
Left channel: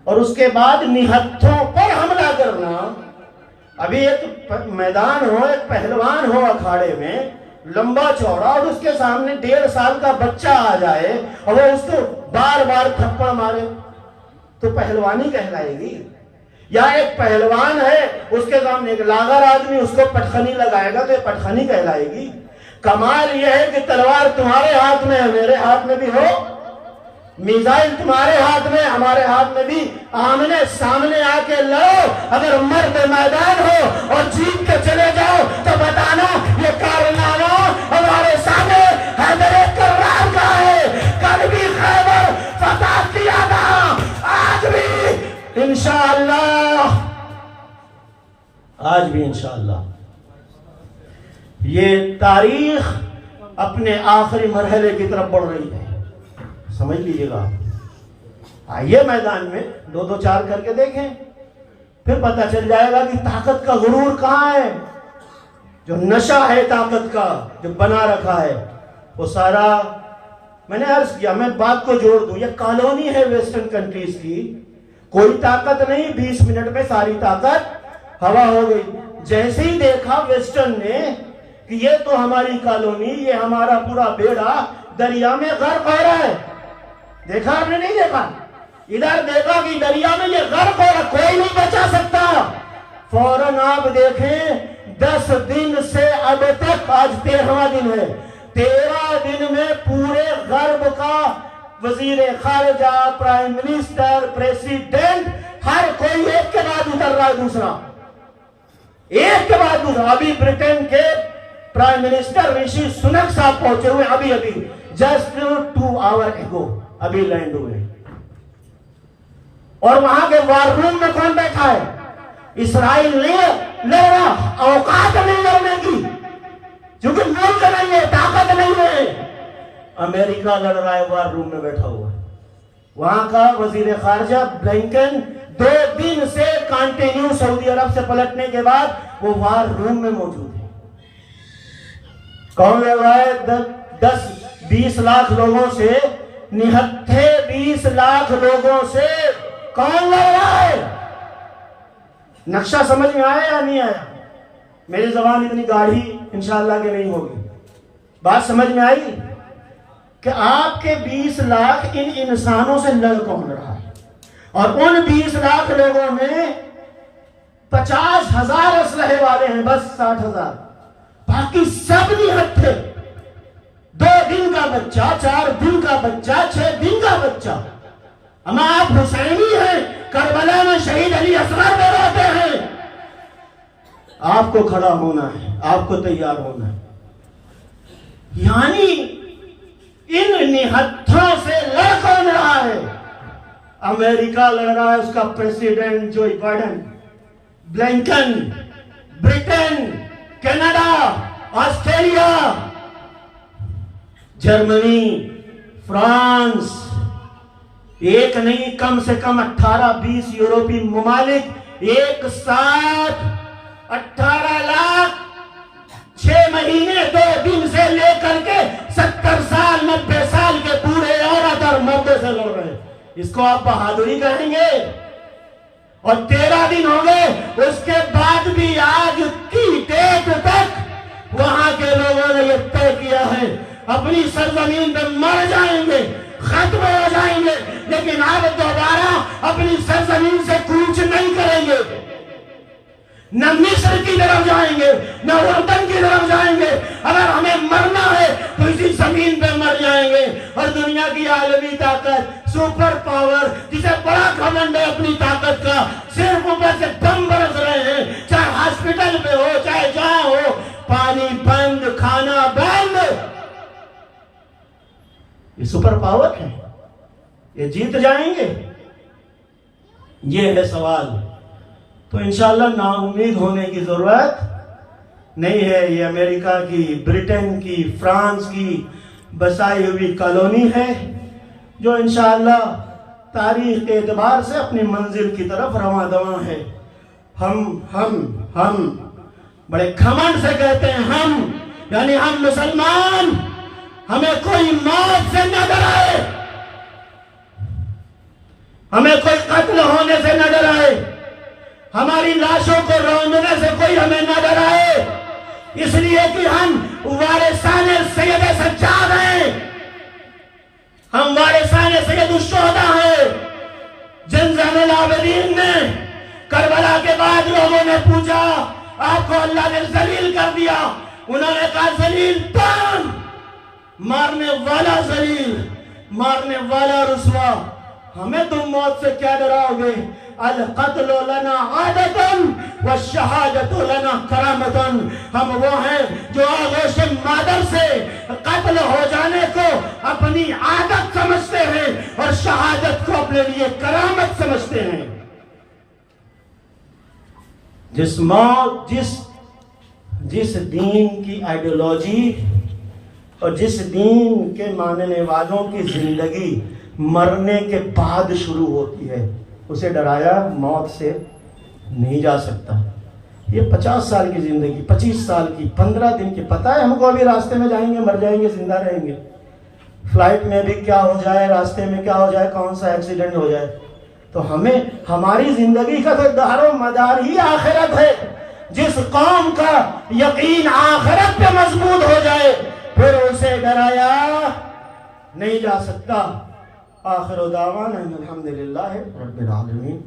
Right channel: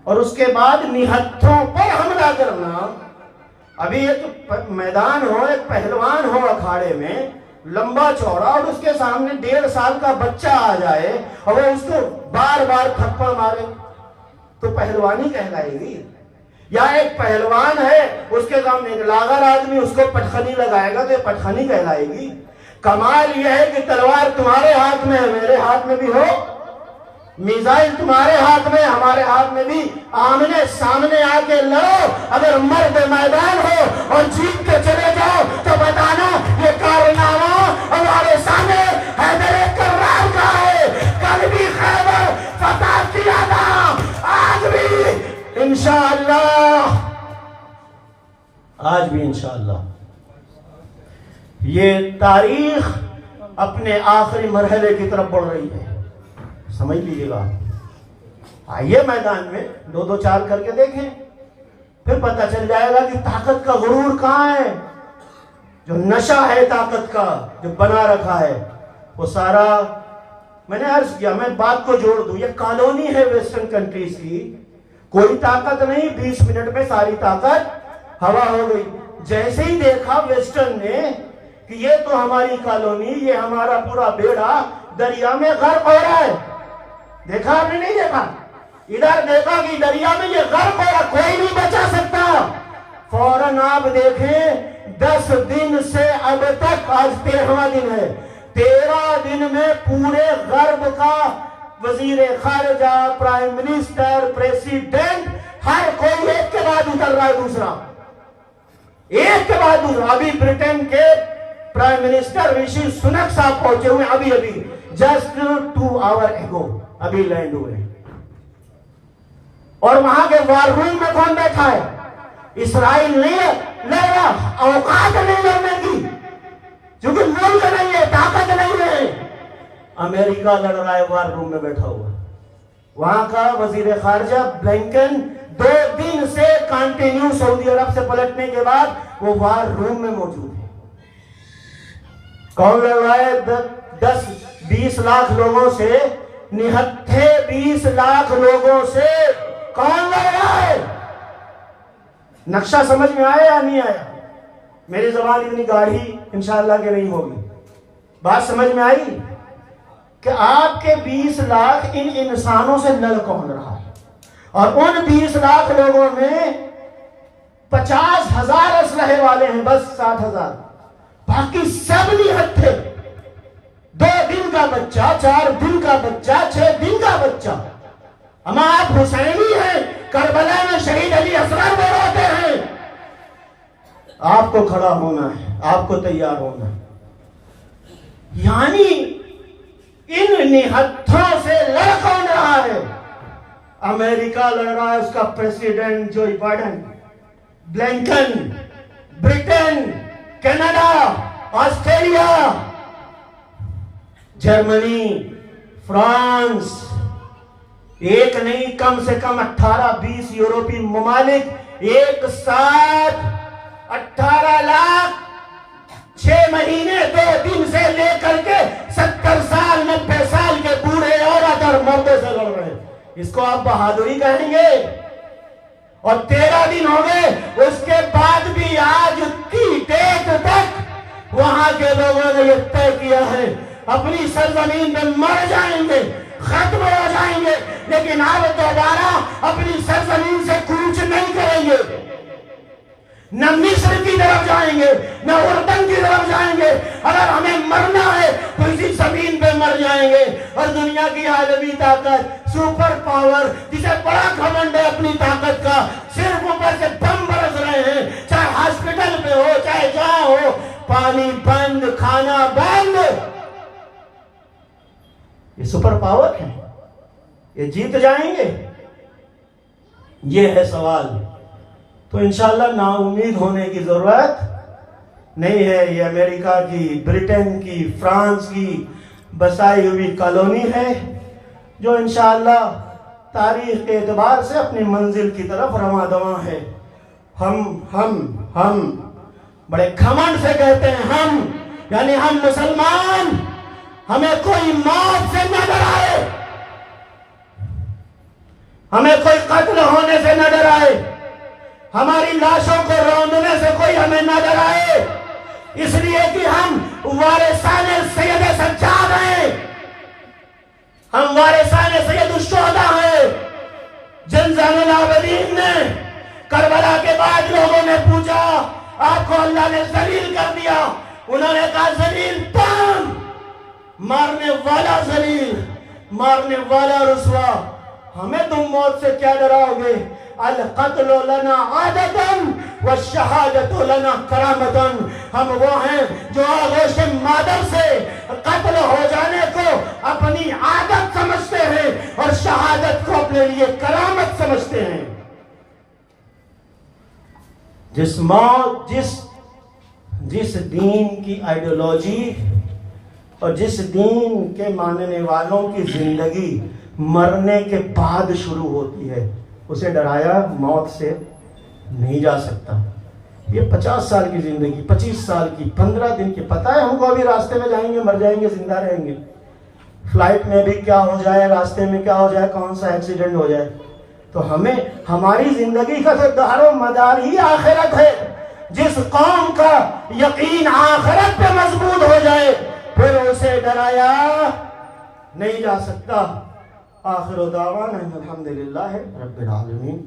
اور اس کے بعد نہتھوں پر حملہ کرنا. ابھی ایک میدان ہو، ایک پہلوان ہو اکھاڑے میں لمبا چوڑا، اور اس کے سامنے 1.5 سال کا بچہ آ جائے اور وہ اس کو بار بار تھپڑ مارے تو پہلوانی کہلائے گی. یا ایک پہلوان ہے، اس کے سامنے ایک لاغر آدمی اس کو پٹخنی لگائے گا تو یہ پٹخنی کہلائے گی. کمال یہ ہے کہ تلوار تمہارے ہاتھ میں ہے، میرے ہاتھ میں بھی ہو میزائل تمہارے ہاتھ میں، ہمارے ہاتھ میں بھی، آمنے سامنے آ کے لڑو۔ اگر مرد میدان ہو اور جیت کے چلے جاؤ تو بتانا یہ کارنامہ ہمارے سامنے حیدر کرار کا ہے۔ کل بھی خیبر فتح کیا تھا، آج بھی انشاءاللہ، آج بھی انشاءاللہ۔ یہ تاریخ اپنے آخری مرحلے کی طرف بڑھ رہی ہے، سمجھ لیجیے گا۔ آئیے میدان میں 2-2-4 کر کے دیکھیں، پھر پتہ چل جائے گا کہ طاقت کا غرور کہاں ہے۔ جو نشہ ہے طاقت کا جو بنا رکھا ہے وہ سارا، میں نے عرض کیا، میں بات کو جوڑ دوں، یہ کالونی ہے ویسٹرن کنٹریز کی، کوئی طاقت نہیں، 20 منٹ میں ساری طاقت ہوا ہو گئی۔ جیسے ہی دیکھا ویسٹرن نے کہ یہ تو ہماری کالونی، یہ ہمارا پورا بیڑا دریا میں غرق ہو رہا ہے، دیکھا آپ نے نہیں دیکھا؟ ادھر دیکھا کہ دریا میں یہ غرق ہو رہا، کوئی نہیں بچا سکتا۔ فوراً آپ دیکھیں 10 دن سے اب تک، آج 13واں دن ہے، 13 دن میں پورے غرب کا وزیر خارجہ، پرائم منسٹر، پریسیڈنٹ، ہر کوئی ایک کے بعد اتر رہا ہے دوسرا، ایک کے بعد دوسرا۔ ابھی برٹن کے پرائم منسٹر رشی سنک صاحب پہنچے ہوئے، ابھی جسٹ 2 آور ایگو ابھی لینڈ ہوئے، اور وہاں کے وار روم میں کون بیٹھا ہے؟ اسرائیل نہیں لڑ رہا، اوقات نہیں لڑنے کی، کیونکہ ملک نہیں ہے، طاقت نہیں ہے۔ امریکہ لڑ رہا ہے، وار روم میں بیٹھا ہوا ہے۔ وہاں کا وزیر خارجہ بلنکن 2 دن سے کنٹینیو سعودی عرب سے پلٹنے کے بعد وہ وار روم میں موجود ہے۔ کون لڑ رہا ہے؟ 10-20 لاکھ لوگوں سے، نہتھے 20 لاکھ لوگوں سے کون لڑ رہا ہے؟ نقشہ سمجھ میں آیا یا نہیں آیا؟ میری زبان اتنی گاڑھی انشاءاللہ کہ نہیں ہوگی، بات سمجھ میں آئی کہ آپ کے 20 لاکھ ان انسانوں سے لڑ کون رہا ہے؟ اور ان 20 لاکھ لوگوں میں 50,000 اسلحے والے ہیں، بس 60,000، باقی سب نہتھے۔ 2 دن کا بچہ، 4 دن کا بچہ، 6 دن کا بچہ۔ اما آپ حسینی ہیں، کربلا میں شہید علی اصغر میں روتے ہیں۔ آپ کو کھڑا ہونا ہے، آپ کو تیار ہونا ہے۔ یعنی ان نہتھوں سے لڑ کون رہا ہے؟ امریکہ لڑ رہا ہے، اس کا president Joe Biden, Blinken, Britain, Canada, Australia, جرمنی، فرانس، ایک نہیں کم سے کم 18-20 یورپی ممالک ایک ساتھ 18 لاکھ 6 مہینے 2 دن سے لے کر کے 70 سال 90 سال کے بوڑھے عورت اور مرد سے لڑ رہے۔ اس کو آپ بہادری کہیں گے؟ اور 13 دن ہو گئے، اس کے بعد بھی آج کی ڈیٹ تک وہاں کے لوگوں نے یہ طے کیا ہے اپنی سرزمین پہ مر جائیں گے، ختم ہو جائیں گے، لیکن آپ دوبارہ اپنی سرزمین سے کوچ نہیں کریں گے۔ نہ مصر کی طرف جائیں گے، نہ اردن کی طرف جائیں گے۔ اگر ہمیں مرنا ہے تو اسی زمین پہ مر جائیں گے۔ اور دنیا کی عالمی طاقت، سپر پاور، جسے بڑا گھمنڈ ہے اپنی طاقت کا، صرف اوپر سے بم برس رہے ہیں، چاہے ہاسپٹل پہ ہو، چاہے جہاں ہو، پانی بند، کھانا بند۔ یہ سپر پاور ہے، یہ جیت جائیں گے؟ یہ ہے سوال۔ تو انشاءاللہ نا امید ہونے کی ضرورت نہیں ہے۔ یہ امریکہ کی، برٹن کی، فرانس کی بسائی ہوئی کالونی ہے جو انشاءاللہ تاریخ کے اعتبار سے اپنی منزل کی طرف رواں دواں ہے۔ ہم بڑے گھمنڈ سے کہتے ہیں، ہم یعنی ہم مسلمان، ہمیں کوئی موت سے نہ ڈرائے، ہمیں کوئی قتل ہونے سے نہ ڈرائے، ہماری لاشوں کو روندنے سے کوئی ہمیں نہ ڈرائے، اس لیے کہ ہم وارثان سید سجاد ہیں، ہم وارثان سید الشہداء ہیں۔ جن زین العابدین نے کربلا کے بعد لوگوں نے پوچھا آپ کو اللہ نے ذلیل کر دیا، انہوں نے کہا ذلیل کون؟ مارنے والا ذلیل، مارنے والا رسوا، ہمیں تم موت سے کیا ڈراؤ گے؟ القتل لنا عادتن والشہادت لنا کرامتن، ہم وہ ہیں جو آغوش مادر سے قتل ہو جانے کو اپنی عادت سمجھتے ہیں اور شہادت کو اپنے لیے کرامت سمجھتے ہیں۔ جس دین کی آئیڈیالوجی اور جس دین کے ماننے والوں کی زندگی مرنے کے بعد شروع ہوتی ہے، اسے ڈرایا موت سے نہیں جا سکتا۔ یہ 50 سال کی زندگی، 25 سال کی، 15 دن کی، پتہ ہے ہم کو ابھی راستے میں جائیں گے، مر جائیں گے، زندہ رہیں گے، فلائٹ میں بھی کیا ہو جائے، راستے میں کیا ہو جائے، کون سا ایکسیڈنٹ ہو جائے۔ تو ہمیں ہماری زندگی کا تو دار و مدار ہی آخرت ہے۔ جس قوم کا یقین آخرت پہ مضبوط ہو جائے پھر اسے ڈرایا نہیں جا سکتا۔ آخر دعوانا الحمدللہ رب العالمین۔